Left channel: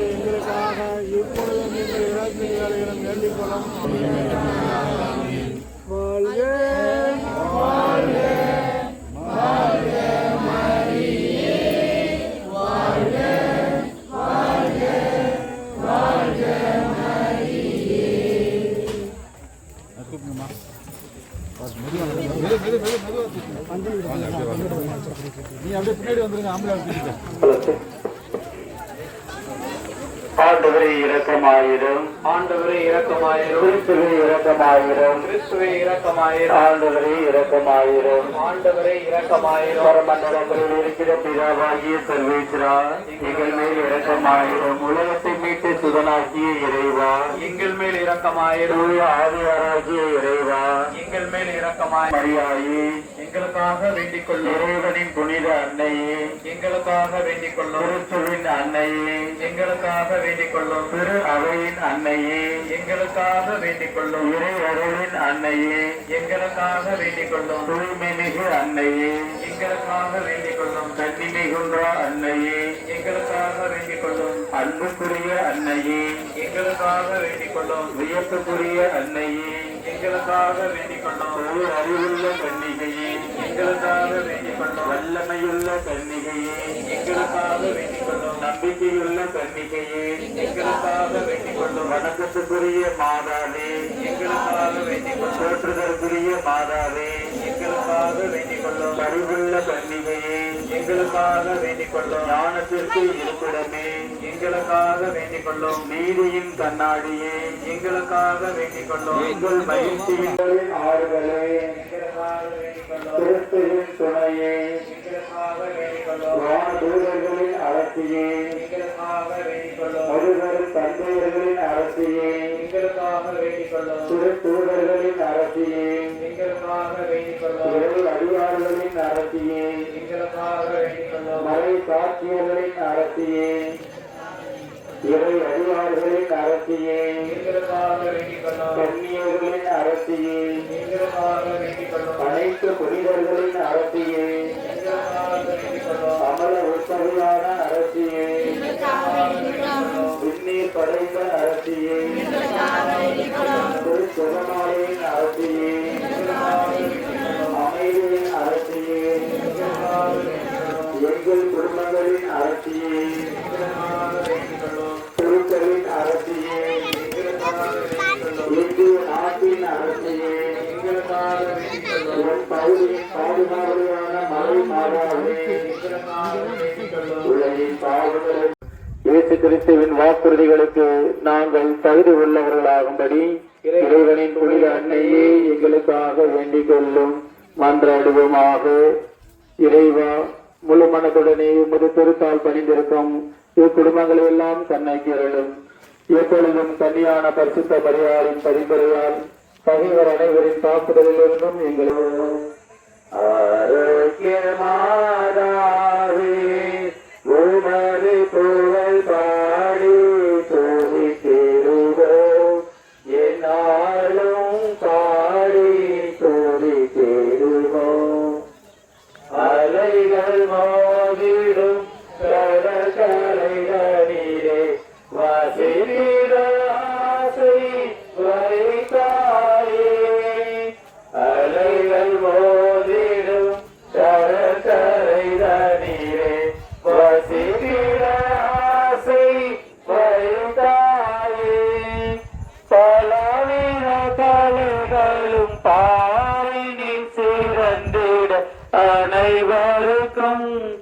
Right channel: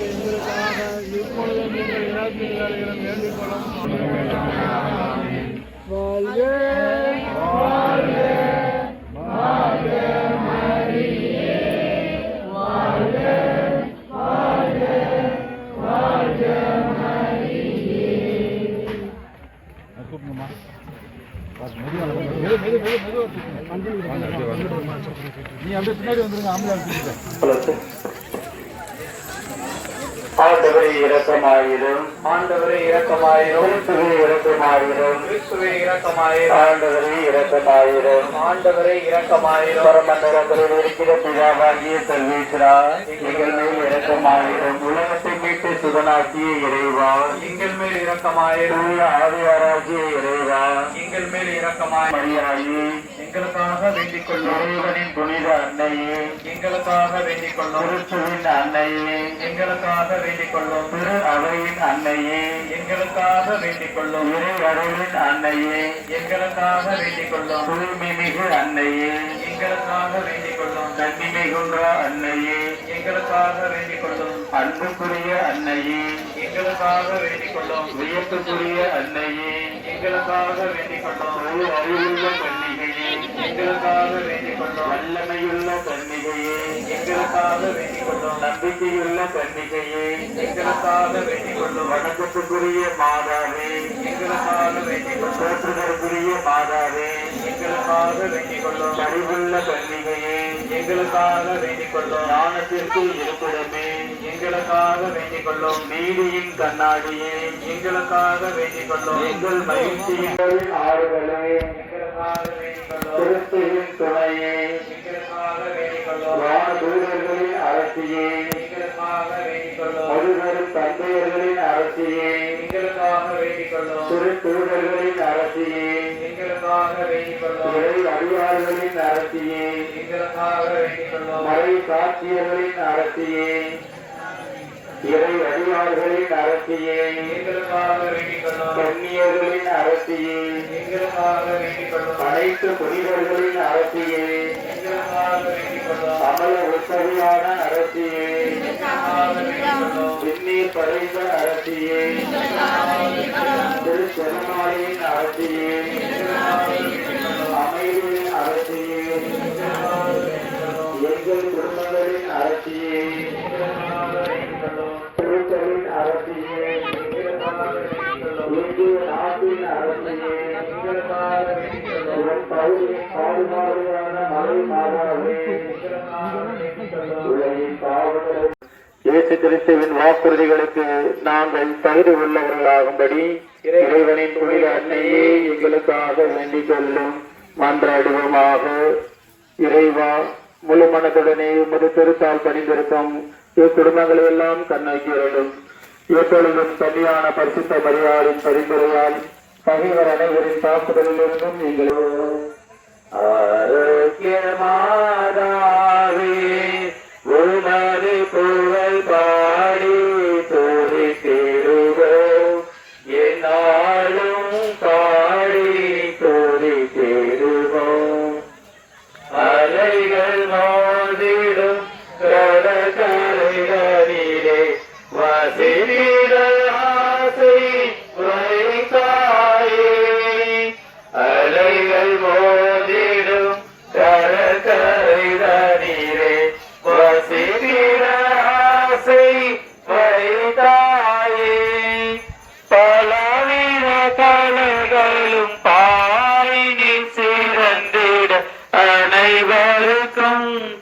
எங்களுக்காக இப்பொழுதும் எங்கள் இறப்பின் வேலையிலும் நீ அப்படியே பின்னாடி வந்துருங்க தூக்கிட்ட ஆண்டவரே இரக்கமாயிரும். ஆண்டவரே இரக்கமாயிரும். கிறிஸ்துவே இரக்கமாயிரும். கிறிஸ்துவே இரக்கமாயிரும். ஆண்டவரே இரக்கமாயிரும். ஆண்டவரே இரக்கமாயிரும். பரமண்டலத்தில் இருக்கிற பிதாவாகிய சர்வேஸ்வரா எங்கள் மேல் இரக்கமாயிரும். உலகத்தை மீட்டு சுதனாக்கிய இறைவா. எங்கள் மேல் இரக்கமாயிரும். ஆவியாராகிய இறைவா. எங்கள் மேல் இரக்கமாய் மரியாயே. எங்களுக்காக வேண்டிக் கொள்ளும் இறைவனின் புனித அன்னையே. எங்களுக்காக வேண்டிக் கொள்ளும் கிறிஸ்துவின் அன்னையே. எங்களுக்காக வேண்டிக் கொள்ளும் திரு அவையின் அன்னையே. எங்களுக்காக வேண்டிக் கொள்ளும் இறை அறையின் அன்னையே. எங்களுக்காக வேண்டிக் கொள்ளும் தூய்மை மிகு அன்னையே. எங்களுக்காக வேண்டிக் கொள்ளும் கன்னி மிகுன்ற அன்னையே. எங்களுக்காக வேண்டிக் கொள்ளும் அன்புக்குரிய அன்னையே எங்களுக்காக வேண்டிக் கொள்ளும் வியப்புக்குரிய அன்னையே எங்களுக்காக வேண்டிக் கொள்ளும் அறிவுள்ள கண்ணிகையே எங்களுக்காக வேண்டிக் கொள்ளும் வல்லமையுள்ள கண்ணிகையே எங்களுக்காக வேண்டிக் கொள்ளும் நம்பிக்கையுள்ள கண்ணிகையே எங்களுக்காக வேண்டிக் கொள்ளும் வணக்கத்துக்குரிய மாதாவே எங்களுக்காக வேண்டிக் கொள்ளும் போற்றுதற்குரிய மாதாவே எங்களுக்காக வேண்டிக் கொள்ளும் அறிவுள்ள கண்ணிகையே எங்களுக்காக வேண்டிக் கொள்ளும் ஞானத்திற்கு இருப்பிடமே. எங்களுக்காக வேண்டிக் கொள்ளும் நீதியின் கண்ணாடியே. எங்களுக்காக வேண்டிக் கொள்ளும் எங்கள் மகிழ்ச்சியின் ஆறுகளே. திருப்தியின் துணையே. எங்களுக்காக அரசியே எங்களுக்காக தந்தையர்களின் அரசியே திரு தூதர்களின் சாட்சியர்களின் அரசியே இறை அடியார்களின் அரசியே கண்ணியர்களின் அரசியே அனைத்து புனிதர்களின் அரசியே அமல உத்தவியான அரசியே விண்ணீர் கரைந்த அரசியே நாட்டின் உன் பகுதியின் பாதுகாவலான மலை உலகின் பாவங்களை இயேசு கிறிஸ்துவின் வாக்குறுதிகளுக்கு நாங்கள் தகுதி உள்ளவர்களாகும்படி இறைவனின் புனித அன்னையே எங்களுக்காக வேண்டிக் கொள்ளும் மன்றாடுவோமாக. இறைவா முழு மனத்துடனே உமது திருத்தால் பணிந்திருக்கும் இக்குடும்பங்களை எல்லாம் கண்ணாக்கிறடும் எப்பொழுதும் கன்னியான பரிசுத்த பரிகாரின் பரிந்துரையால் பகைவர் அனைவரின் தாக்குதலிலிருந்தும் எங்கள்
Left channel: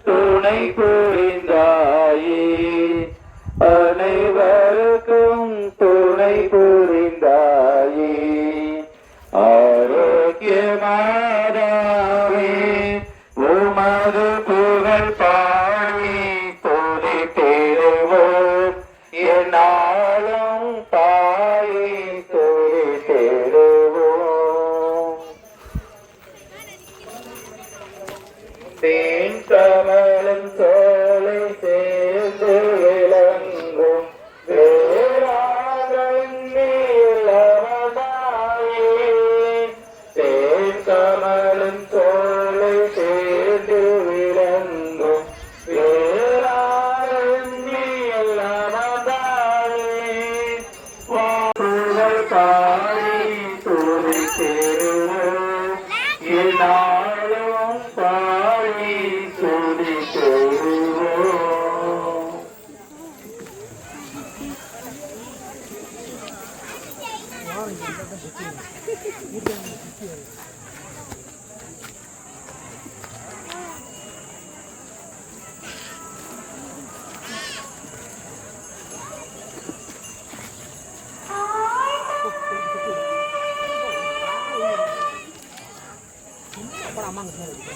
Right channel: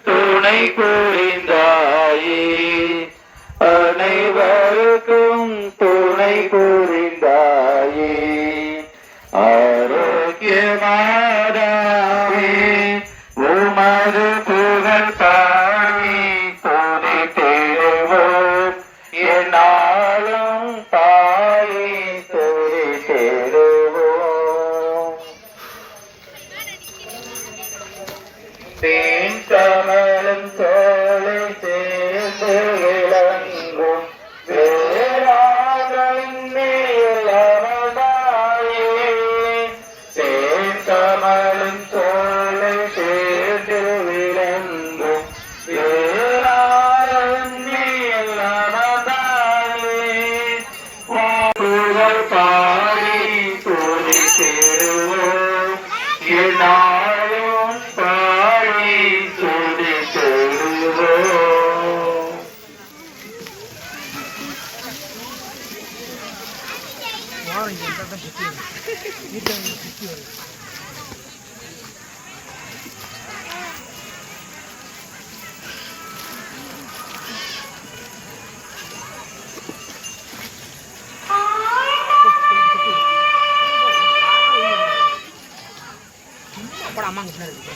துணை புரிந்தாயே அனைவருக்கும் துணை புரிந்தாயே அம்மாங்க பின்னாடி இருக்கு.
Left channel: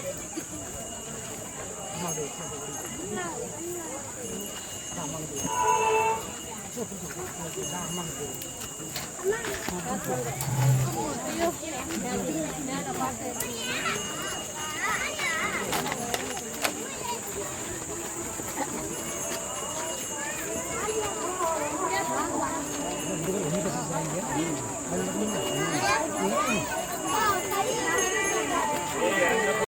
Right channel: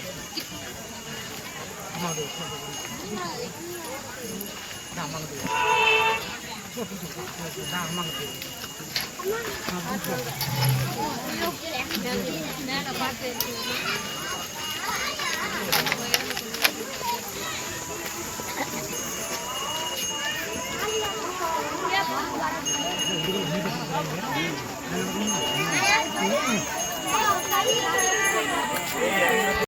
அம்மா வந்து அதான் அம்மாங்க தெரியும். அதான் அம்மாங்க